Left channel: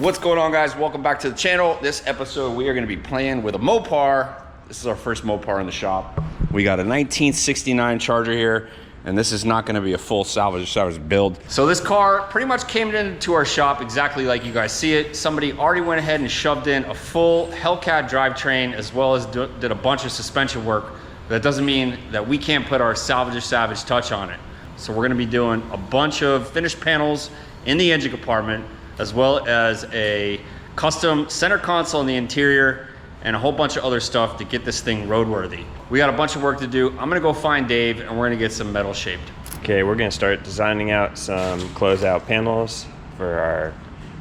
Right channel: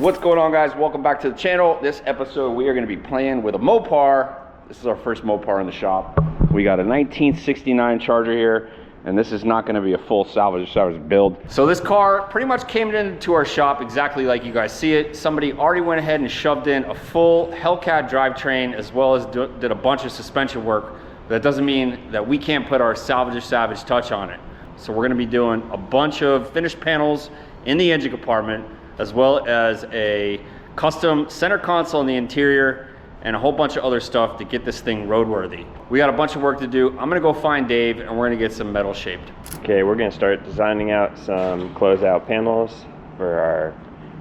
What's going on, guys? Welcome back to the channel. This episode we are going to be playing with a Mopar. This is our first Mopar in the shop. We got a 1969 Charger here, and this is not going to be a full salvage build. So this car pretty much came into our shop exactly like you guys see it. Somebody already went ahead and shoved in a full Hellcat drivetrain, as well as did a bunch of suspension work. That doesn't mean that we can't put our Salvage touch on it. So we're going to be doing a bunch of finished panels in the engine compartment, as well as a custom center console in the interior and a whole bunch of other stuff to get this thing roadworthy. We got a bunch of work to do. I'm gonna go find Dave and we're gonna get some metal shaped. Okay, we're gonna start designing out some closeout panels for our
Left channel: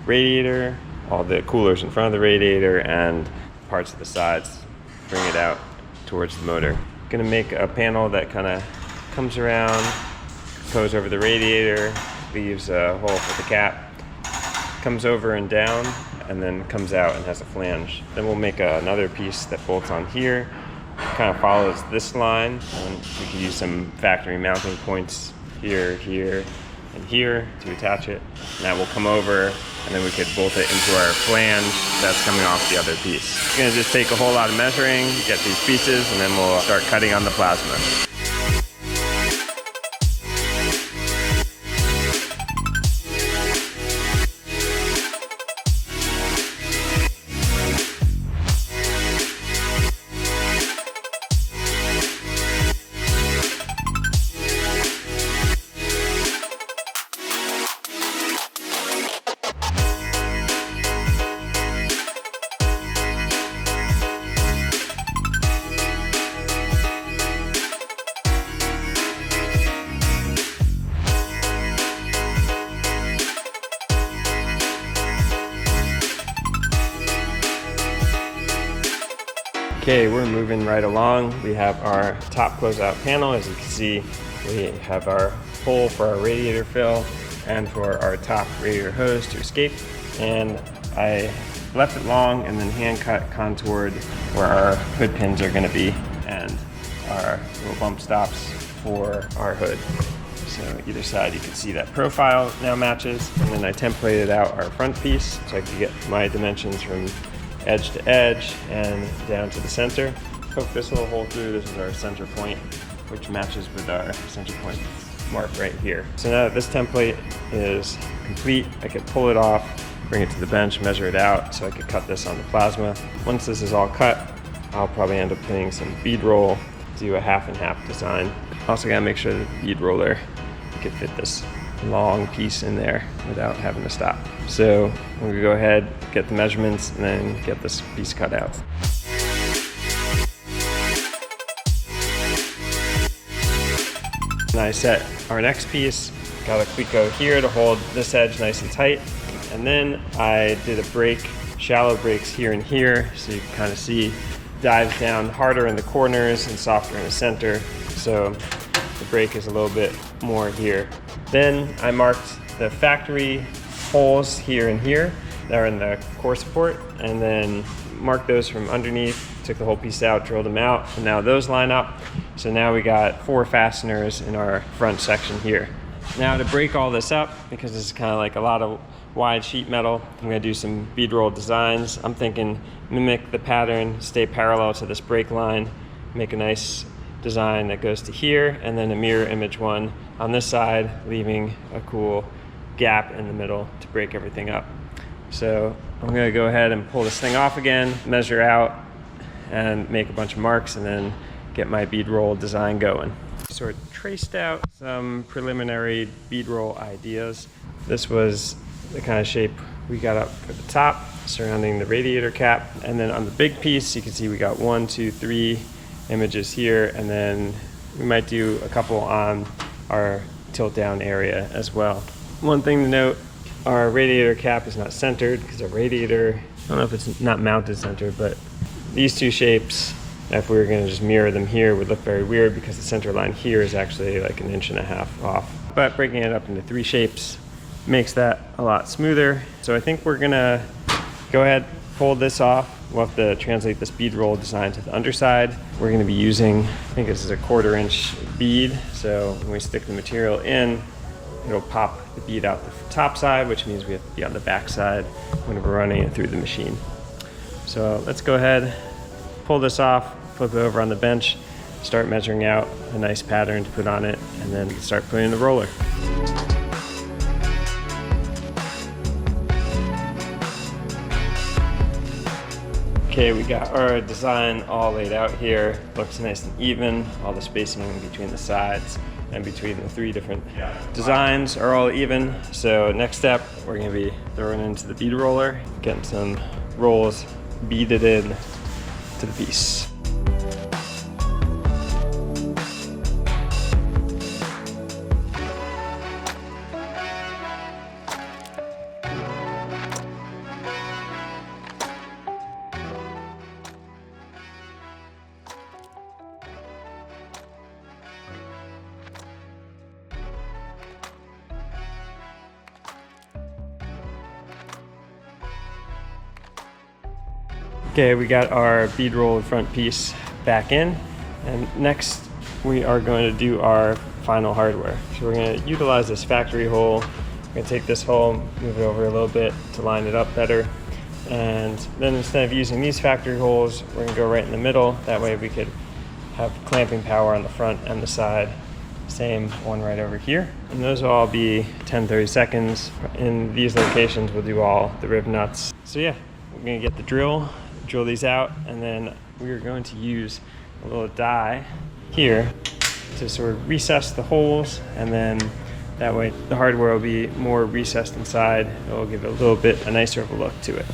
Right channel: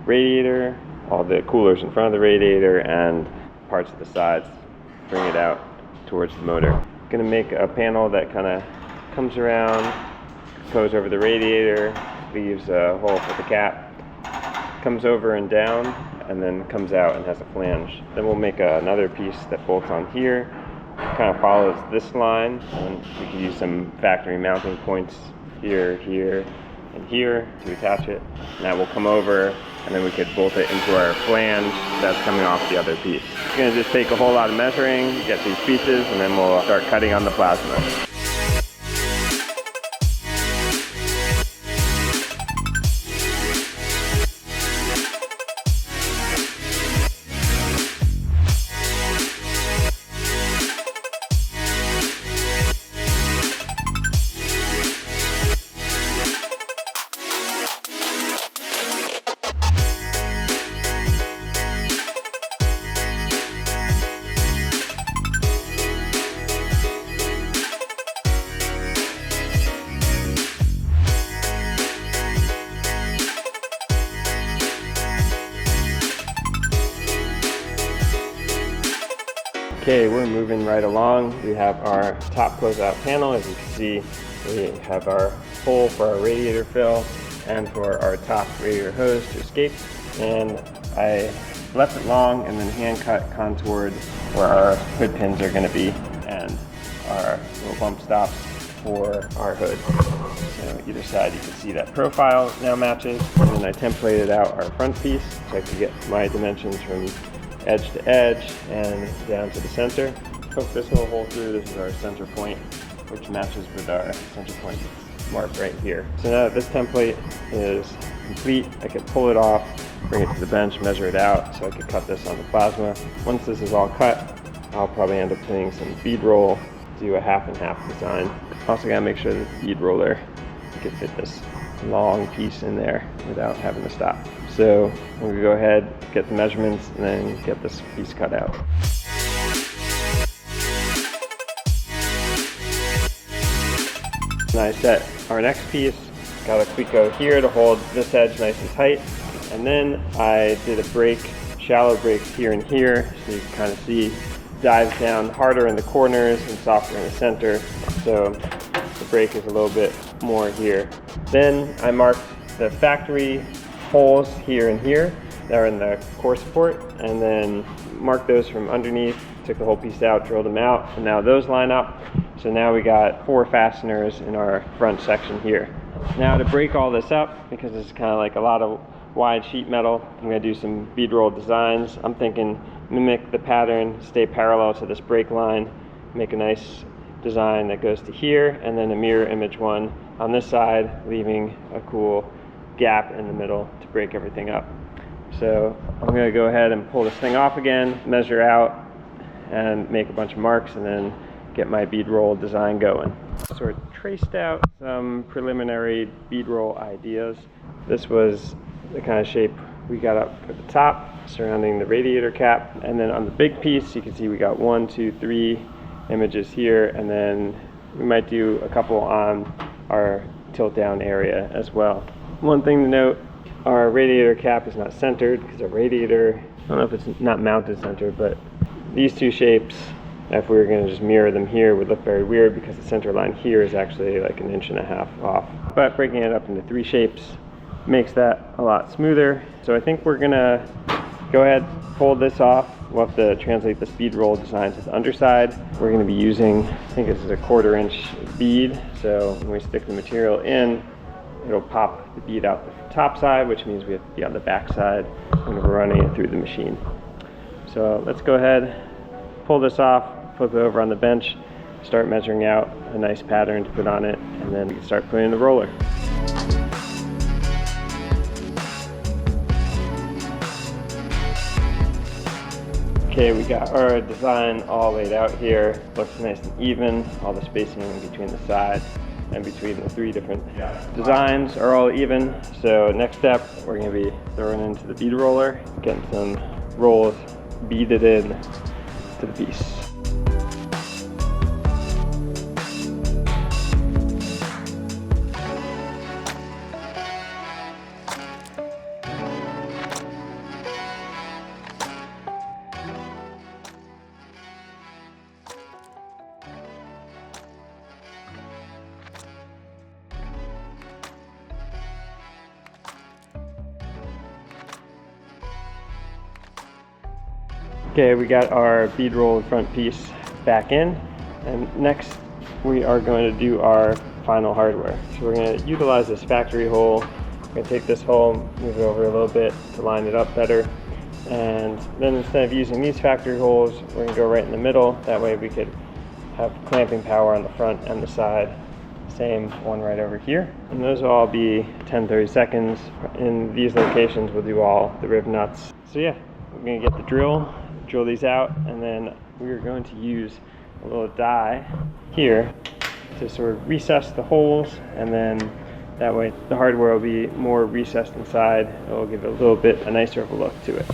radiator, all the coolers in front of the radiator and parts of the sides. Bring it out towards the motor. Gonna make a panel that kind of comes around, goes over the radiator, leaves a hole for the cap, comes over and down, and then comes out and has a flange. Then we'll make another piece that bolts on here, kind of follows this line, and we can use some factory mounting points here, here, and here to attach it. And that will come over, and then we could bolt it into our flange that's coming off the other piece. It's gonna just take a whole lot of measuring, get these pieces, and then we'll start cutting on the plasma. Okay, we're moving right along. We have our top closeout panel. As you can see, we have our hole for our radiator fill and for our top radiator hose to escape. And I left it long and then hand cut contoured where our hood pins are gonna be and our little bump stops for our hood. So either side you can see that profile now matches. And then I templated out our front piece so I could get my dimensions from edge to edge and down to the center. Poke this little hole through. This is our center point, which matches with our center point mark right here. So now that this template is complete, I can pull it off, bring it to the bench, measure it out so I could cut this on the plasma. Once this is all cut, I'll probably end up putting some bead roll, do a half and half design. Also gotta make sure that the bead roller, you can fit this long piece in there without having to stop. So I'm gonna go ahead, get the measurements, and then get this piece cut out. And I set our next piece, got a cleco here to hold this edge nice and tight. And then I did a break, shallow breaks here and here, so you can kind of see dives down harder in the corners and softer in the center. So the break is a little bit more here. Then I marked the factory holes here and here that are in the core support, and then marked those from underneath, took the whole piece out, drilled them out, and now those line up. So now we got 4 fasteners in our front section here. Now to break all this up, because this is kind of like a lot of wide sheet metal, I'm gonna do some bead roll designs. I'm thinking mimic the pattern, stay parallel to this break line, make a nice design that goes to here, and then a mirror image one on this side, leaving a cool gap in the middle to break everything up. So I'm gonna go ahead and pull this thing off again, measure out, and make a bunch of marks, and then get my bead roll design going. Sort of traced out some preliminary bead roll ideas. This was the kind of shape we got up for the top, surrounding the radiator cap. And then on the big piece, you can see we got 1, 2, 3 images here, and then we might do a couple on our tilt down area as well. One thing to note, our radiator cap is not centered because our radiator, I don't know if it's not mounted center, but these two shapes, if we were going to just mirror them here, would look very weird because the center line here is actually like 1.5 inches off. But breaking it up into 3 shapes makes that a lot smoother. So I think we're going to go ahead, pull this off. We'll have to translate this bead roll design to the underside. We're going to be using, I think this is a 1/4 inch bead. So when we stick the material in, it'll pop the bead out the top side, which means we have to be on the back side when we're running it through the machine. So let's go ahead, pull this off, flip it over on the bench, start measuring out a nice pattern to put on it, and then start putting in the roller. Okay, we got our design all laid out here. Looks nice and even. All the spacing between the sides and between the 3 different designs are all even. So next step, we're gonna be throwing into the bead roller, getting some rolls beaded in to the piece. Okay, we got our bead roll front piece back in, and next we are going to do our final hardware. So we're going to utilize this factory hole. We're going to take this hole, move it over a little bit to line it up better, and then instead of using these factory holes, we're going to go right in the middle. That way we could have clamping power on the front and the side. Same one right over here. And those will all be 10-30 seconds. In these locations, we'll do all the rib nuts. So yeah, we're going to get the drill these out, and then we are going to use a little die here to sort of recess the holes, and then that way the hardware will be more recessed inside. It will give it a little bit a nicer of a look to it.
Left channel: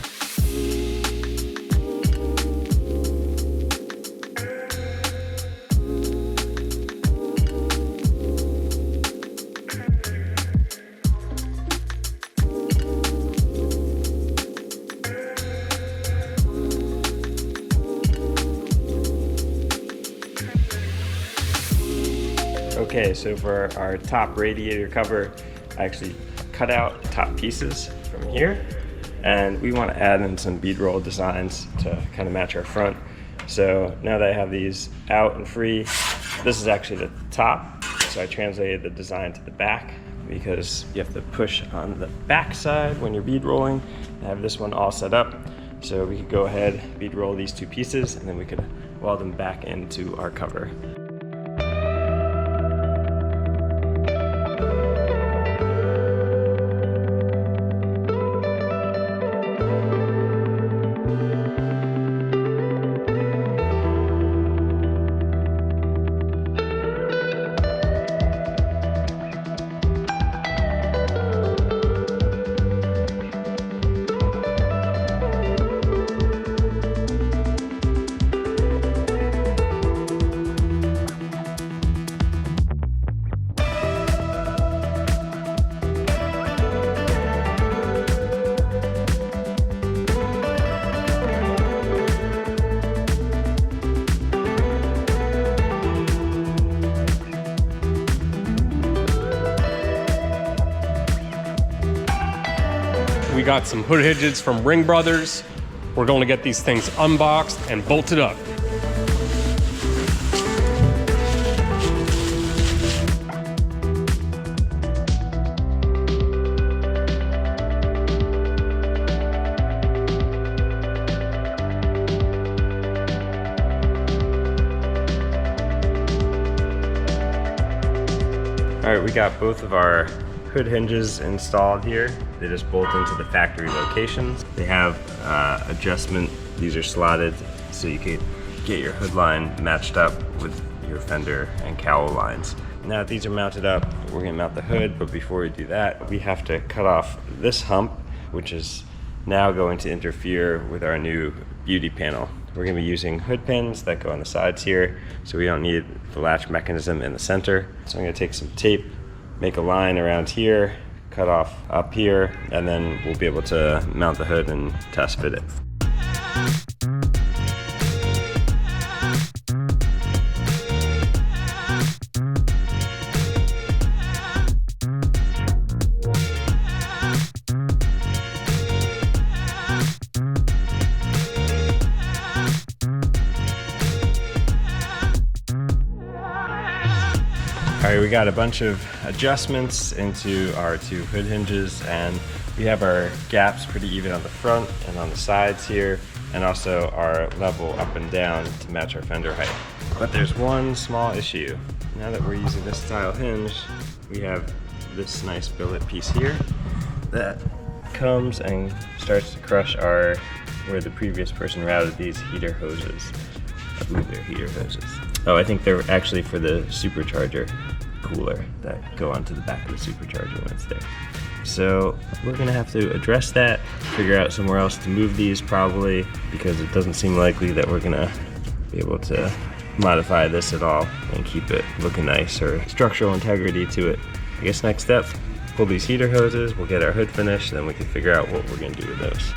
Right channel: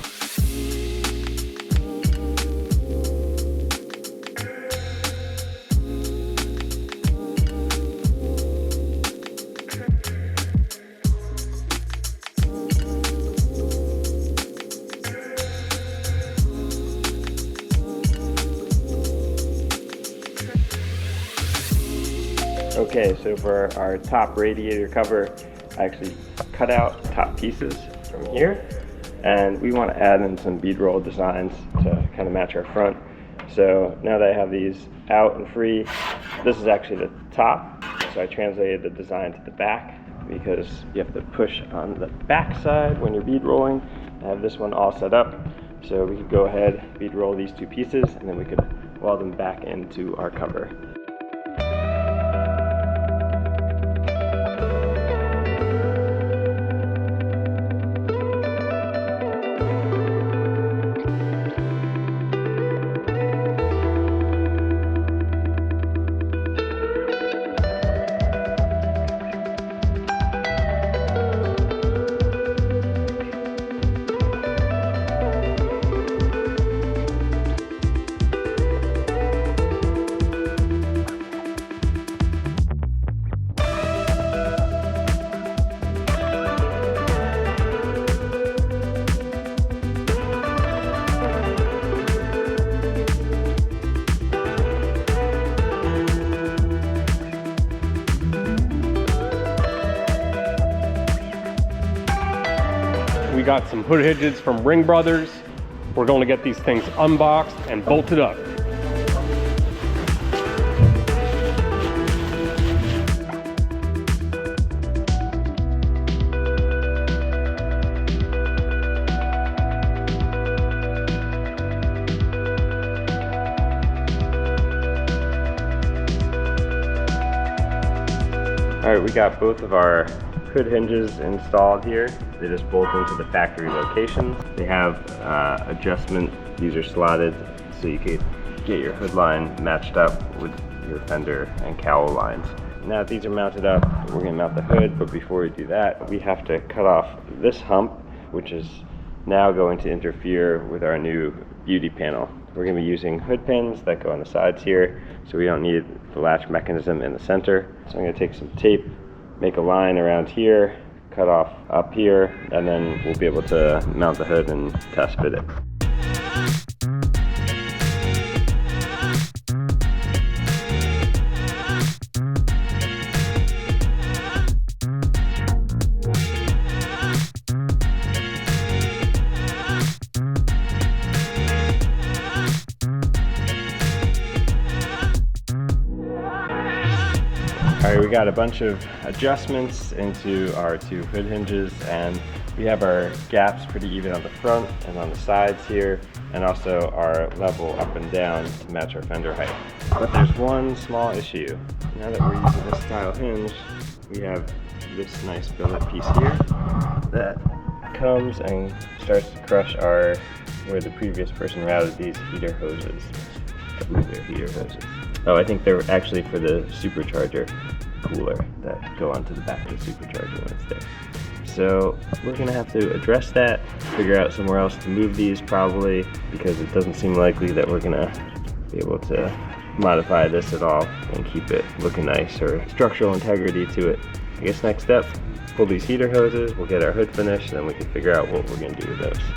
Okay, so for our top radiator cover, I actually cut out top pieces from here, and we want to add in some bead roll designs to kind of match our front. So now that I have these out and free, this is actually the top. So I translated the design to the back because you have to push on the back side when you're bead rolling. I have this one all set up. So we could go ahead, bead roll these 2 pieces, and then we could weld them back into our cover. We got some hood hinges from Ring Brothers. We're going to get these things unboxed and bolted up. All right, we got both of our hood hinges installed here. They just bolt into the factory locations. They have adjustment. These are slotted so you could get your hood line matched up with your fender and cowl lines. Now that these are mounted up, we're gonna mount the hood, but before we do that, we have to cut off this hump, which is now going to interfere with our new beauty panel. We're gonna be using hood pins that go on the sides here, so we don't need the latch mechanism in the center. So I'm gonna take some tape, make a line around here, cut off up here, and then we'll be able to mount the hood and test fit it. All right, we got a bunch of adjustments into our two hood hinges, and we have our gaps pretty even on the front and on the sides here, and also our level up and down to match our fender height. But there's one small issue. Now that we're using this style hinge, we have this nice billet piece here that comes and starts to crush where the previous person routed these heater hoses. I believe they're heater hoses. Oh, I think they're actually for the supercharger cooler that go onto the back of the supercharger when it's there. So we're gonna have to address that, figure out somewhere else to move these probably, because it doesn't seem likely that we're gonna be able to modify this at all and keep it looking nice or structural integrity to it. I guess next step, pull these heater hoses, we'll get our hood finished, and then we can figure out what we're gonna do with those.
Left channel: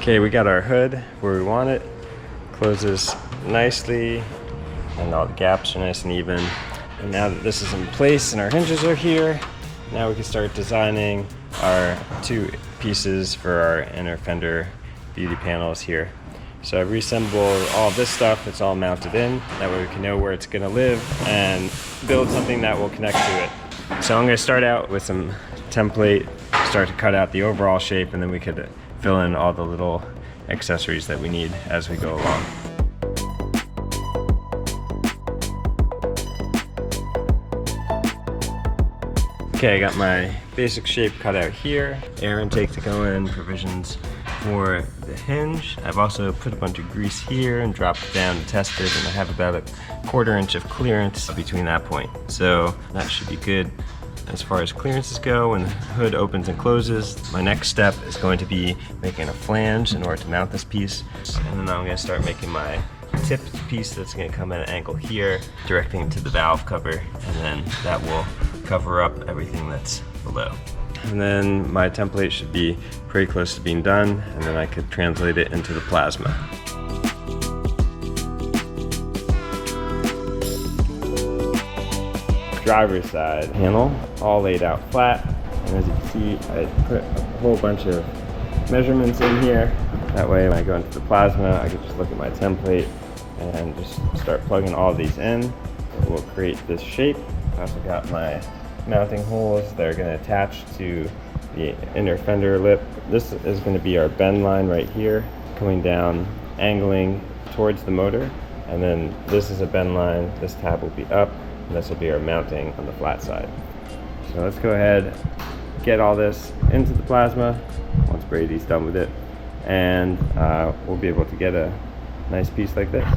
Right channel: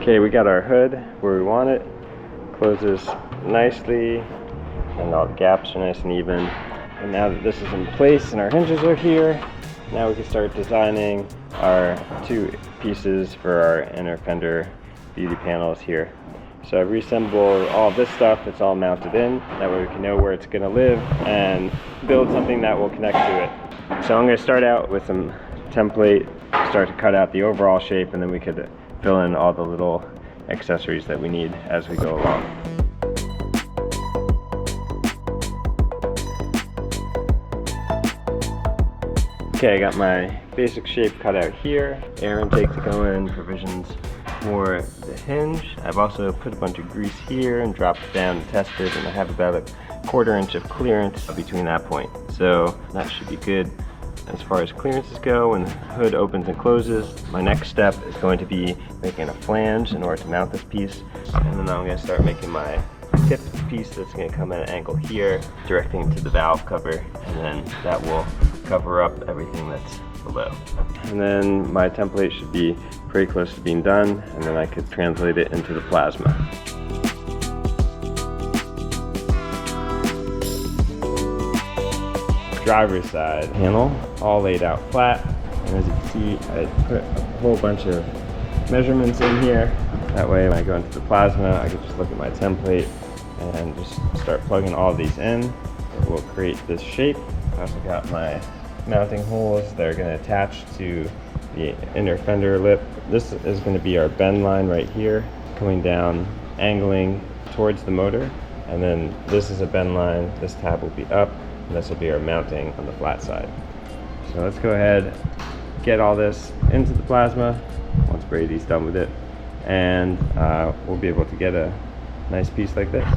Okay, we got our hood where we want it. Closes nicely, and all the gaps are nice and even. And now that this is in place and our hinges are here, now we can start designing our two pieces for our inner fender beauty panels here. So I've reassembled all this stuff, it's all mounted in. That way we can know where it's gonna live and build something that will connect to it. So I'm gonna start out with some template, start to cut out the overall shape, and then we could fill in all the little accessories that we need as we go along. Okay, I got my basic shape cut out here. Air intake to go in, provisions for the hinge. I've also put a bunch of grease here and dropped it down and tested, and I have about a 1/4 inch of clearance between that point. So that should be good. As far as clearances go, when the hood opens and closes, my next step is going to be making a flange in order to mount this piece. And then I'm going to start making my tip piece that's going to come at an angle here, directing to the valve cover, and then that will cover up everything that's below. And then my template should be pretty close to being done, and then I could translate it into the plasma. Driver's side panel, all laid out flat. And as you can see, I put a whole bunch of measurements in here. That way when I go into the plasma, I can just look at my template and just start plugging all these in. It will create this shape. I also got my mounting holes that are going to attach to the inner fender lip. This is going to be our bend line right here, coming down, angling towards the motor. And then this is a bend line. This tab will be up. And this will be our mounting on the flat side. So let's go ahead, get all this into the plasma once Brady's done with it, and we'll be able to get a nice piece like this.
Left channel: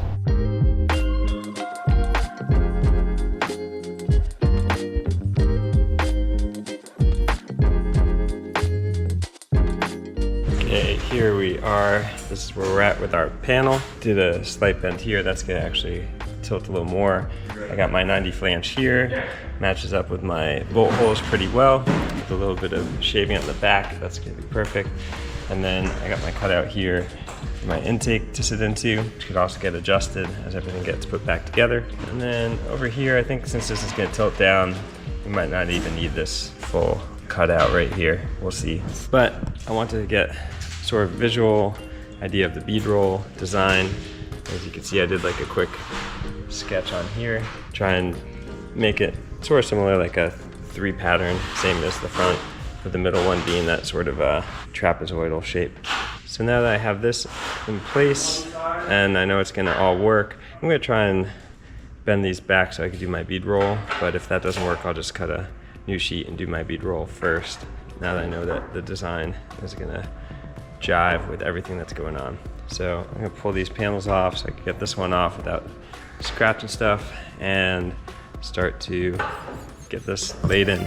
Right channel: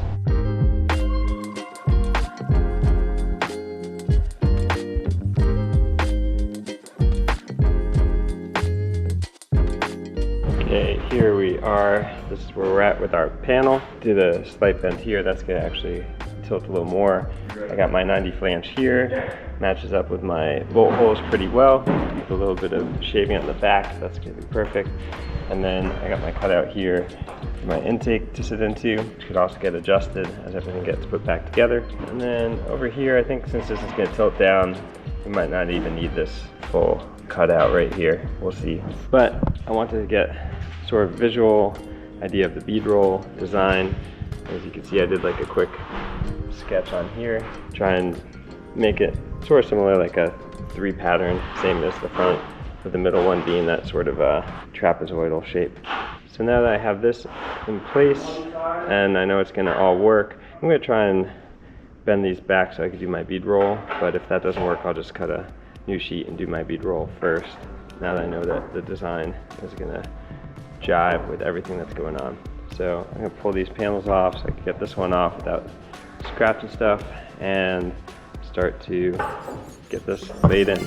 Okay, here we are. This is where we're at with our panel. Did a slight bend here. That's gonna actually tilt a little more. I got my 90 flange here, matches up with my bolt holes pretty well, with a little bit of shaving at the back. That's gonna be perfect. And then I got my cutout here, my intake to sit into, which could also get adjusted as everything gets put back together. And then over here, I think since this is gonna tilt down, we might not even need this full cutout right here. We'll see. But I wanted to get sort of visual idea of the bead roll design. As you can see, I did like a quick sketch on here, try and make it sort of similar, like a 3 pattern, same as the front, with the middle one being that sort of a trapezoidal shape. So now that I have this in place and I know it's gonna all work, I'm gonna try and bend these back so I can do my bead roll, but if that doesn't work, I'll just cut a new sheet and do my bead roll first, now that I know that the design is gonna jive with everything that's going on. So I'm gonna pull these panels off so I can get this one off without scratching stuff and start to get this laid in.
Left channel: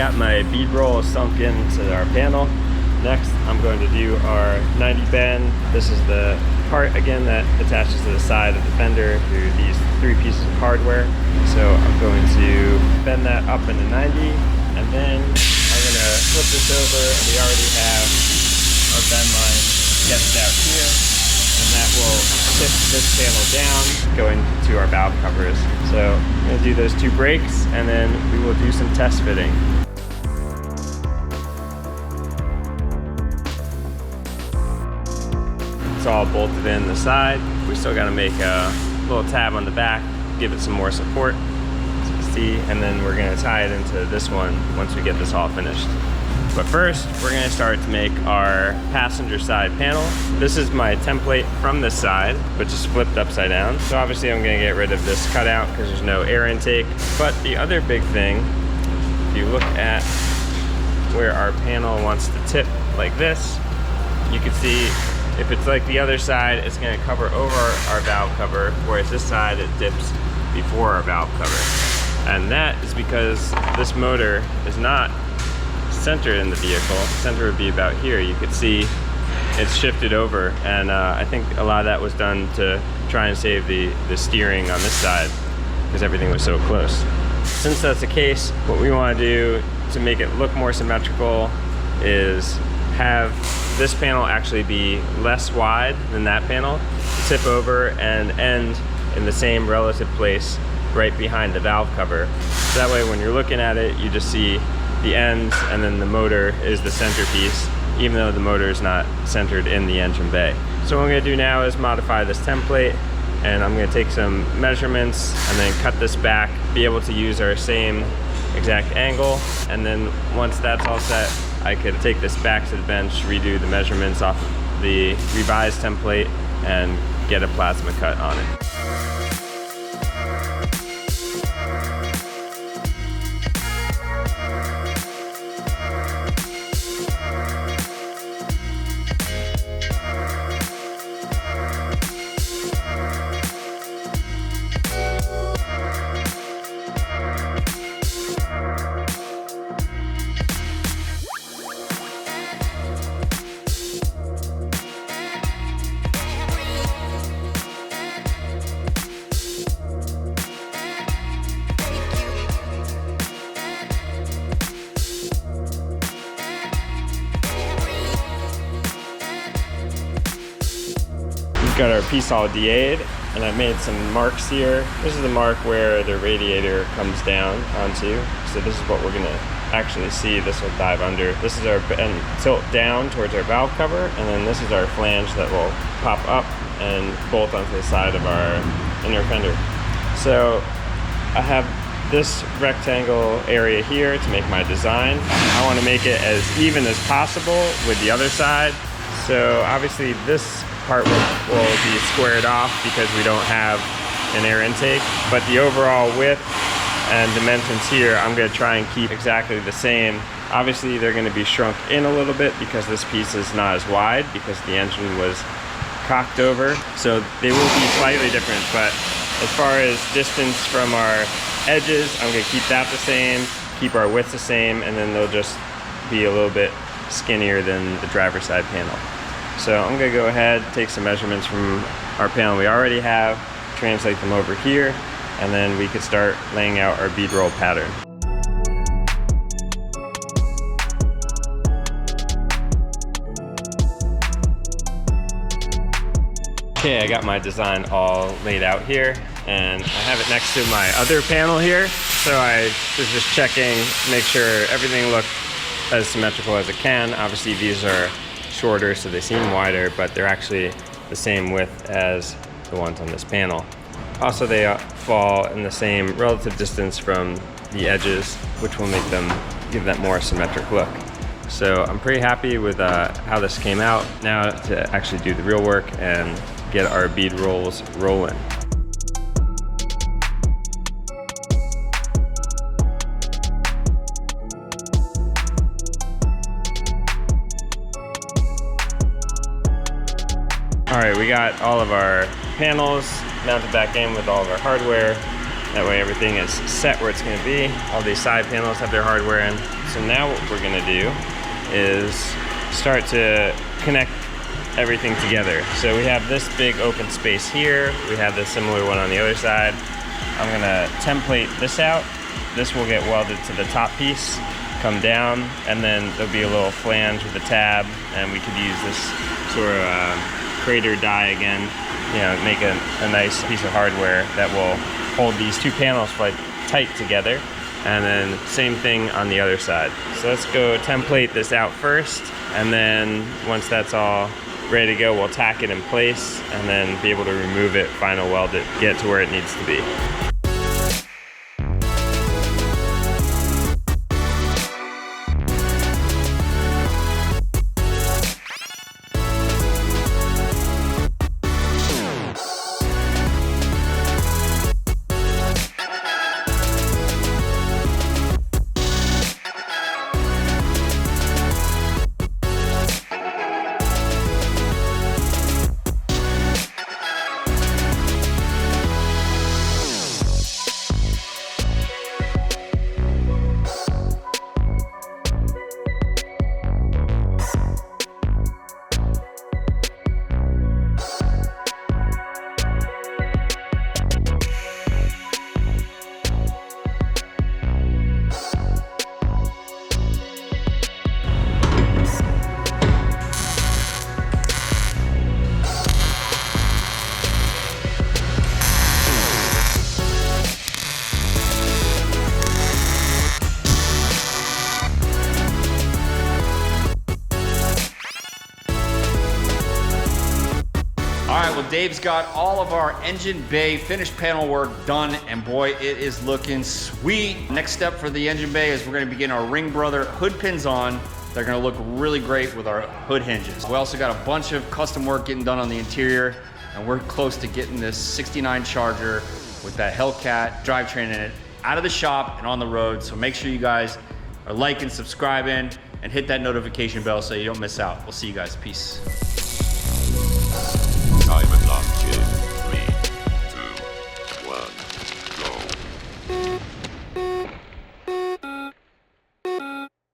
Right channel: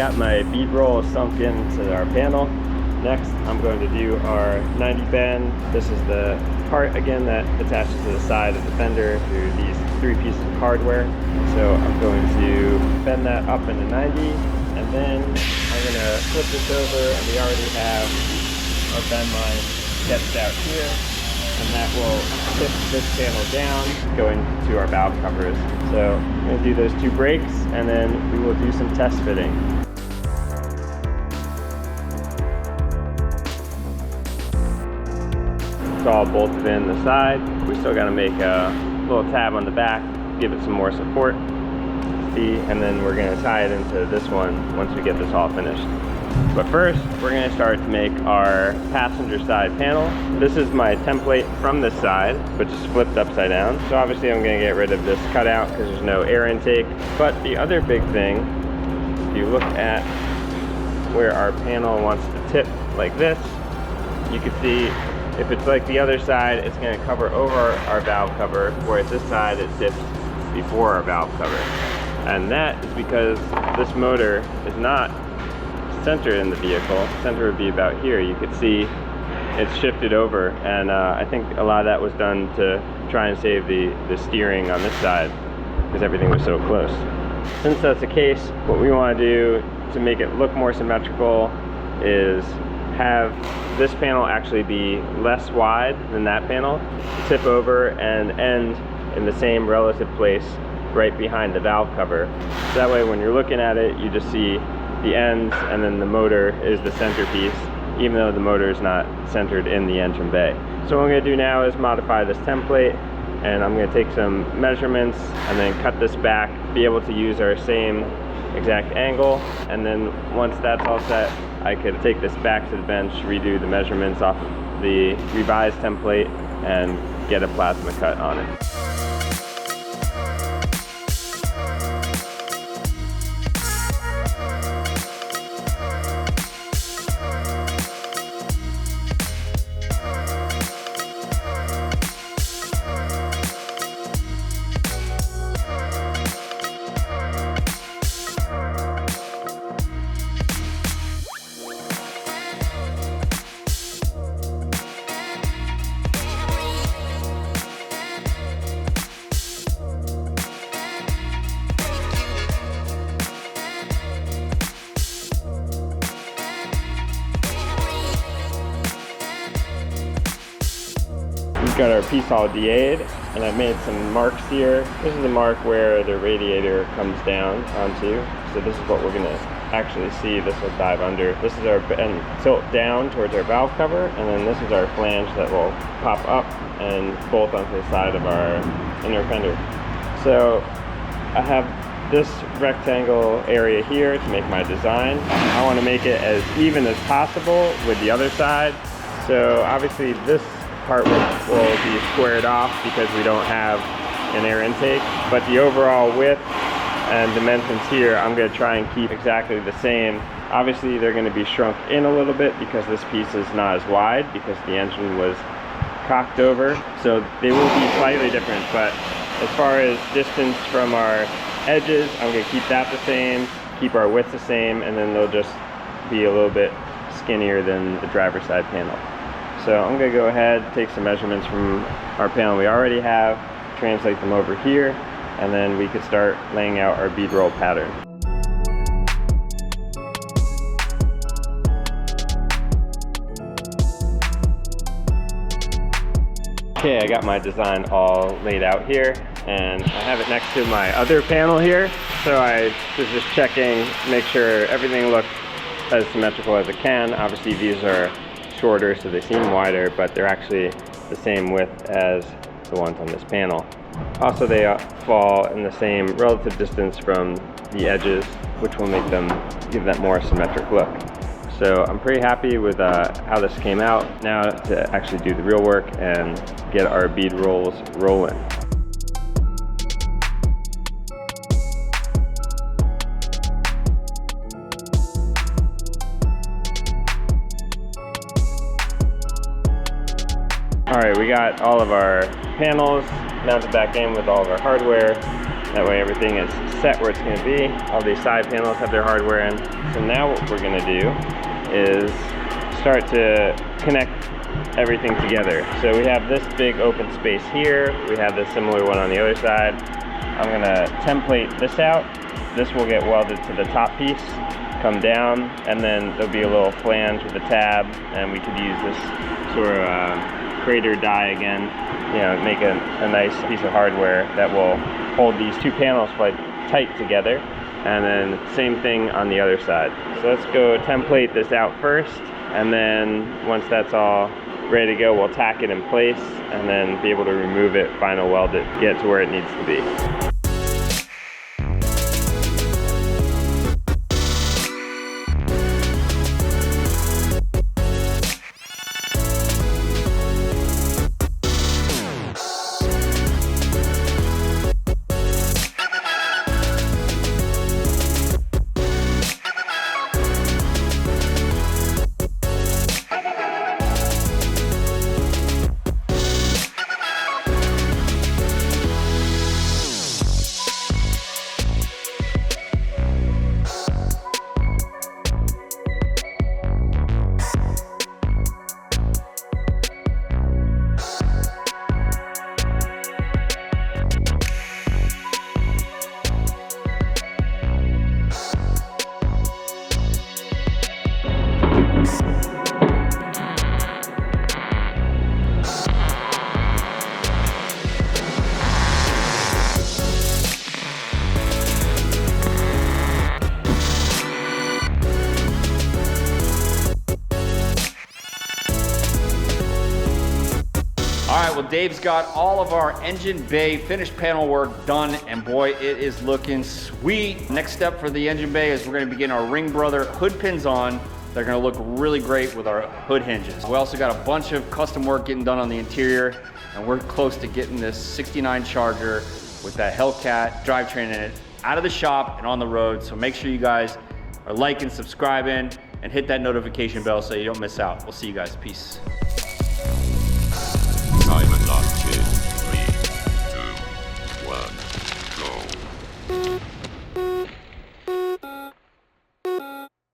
Got my bead roll sunk into our panel. Next, I'm going to do our 90 bend. This is the part again that attaches to the side of the fender through these 3 pieces of hardware. So I'm going to bend that up into 90, and then I'm going to flip this over, and we already have our bend line sketched out here, and that will tip this panel down going to our valve covers. So I'm going to do those 2 brakes, and then we will do some test fitting. It's all bolted in the side. We still got to make a little tab on the back, give it some more support, as you can see, and then we're going to tie it into this one once we get this all finished. But first, we're going to start to make our passenger side panel. This is my template from this side, which is flipped upside down. So obviously I'm going to get rid of this cutout because there's no air intake. But the other big thing, if you look at where our panel wants to tip like this, you can see if it's like the other side, it's going to cover over our valve cover, whereas this side it dips before our valve cover. And that is because this motor is not centered in the vehicle. The center would be about here. You could see it's shifted over, and I think a lot of that was done to try and save the steering on this side because everything was so close. Since that's the case, what we want to do to make it look more symmetrical is have this panel actually be less wide than that panel, tip over and end in the same relative place right behind the valve cover. So that way when you're looking at it, you just see the ends, and then the motor is the centerpiece, even though the motor is not centered in the engine bay. So what I'm going to do now is modify this template, and I'm going to take some measurements and then cut this back, be able to use our same exact angle, and then once that's all set, I could take this back to the bench, redo the measurements off of the revised template, and get a plasma cut on it. Got our piece all DA'd, and I made some marks here. This is the mark where the radiator comes down onto. So this is what we're gonna actually see. This will dive under. This is our and tilt down towards our valve cover, and then this is our flange that will pop up and bolt onto the side of our inner fender. So I have this rectangle area here to make my design. I want to make it as even as possible with the other side. So obviously this part will be squared off because we don't have an air intake, but the overall width and dimensions here I'm going to try and keep exactly the same. Obviously they're going to be shrunk in a little bit because this piece is not as wide because the engine was cocked over, so they will be slightly different. But as far as distance from our edges, I'm going to keep that the same, keep our width the same, and then they'll just be a little bit skinnier than the driver's side panel. So I'm going to go ahead, take some measurements from our panel we already have, translate them over here, and then we could start laying out our bead roll pattern. Okay, I got my design all laid out here, and I have it next to my other panel here. So I was just checking, make sure everything looked as symmetrical as it can. Obviously these are shorter, so they seem wider, but they're actually the same width as the ones on this panel. Also, they fall in the same relative distance from the edges, which will make them give that more symmetric look. So I'm pretty happy with how this came out. Now to actually do the real work and get our bead rolls rolling. All right, we got all of our panels mounted back in with all of our hardware. That way everything is set where it's gonna be. All these side panels have their hardware in. So now what we're gonna do is start to connect everything together. So we have this big open space here. We have this similar one on the other side. I'm gonna template this out. This will get welded to the top piece, come down, and then there'll be a little flange with a tab, and we could use this sort of crater die again, you know, make a nice piece of hardware that will hold these two panels quite tight together. And then same thing on the other side. So let's go template this out first, and then once that's all ready to go, we'll tack it in place and then be able to remove it, final weld it, get to where it needs to be. All right, well, Dave's got all of our engine bay finished panel work done, and boy, it is looking sweet. Next step for the engine bay is we're gonna be getting our Ring Brother hood pins on. They're gonna look really great with our hood hinges. We also got a bunch of custom work getting done on the interior, and we're close to getting this 69 Charger with that Hellcat drivetrain in it out of the shop and on the road. So make sure you guys are liking, subscribing, and hit that notification bell so you don't miss out. We'll see you guys. Peace.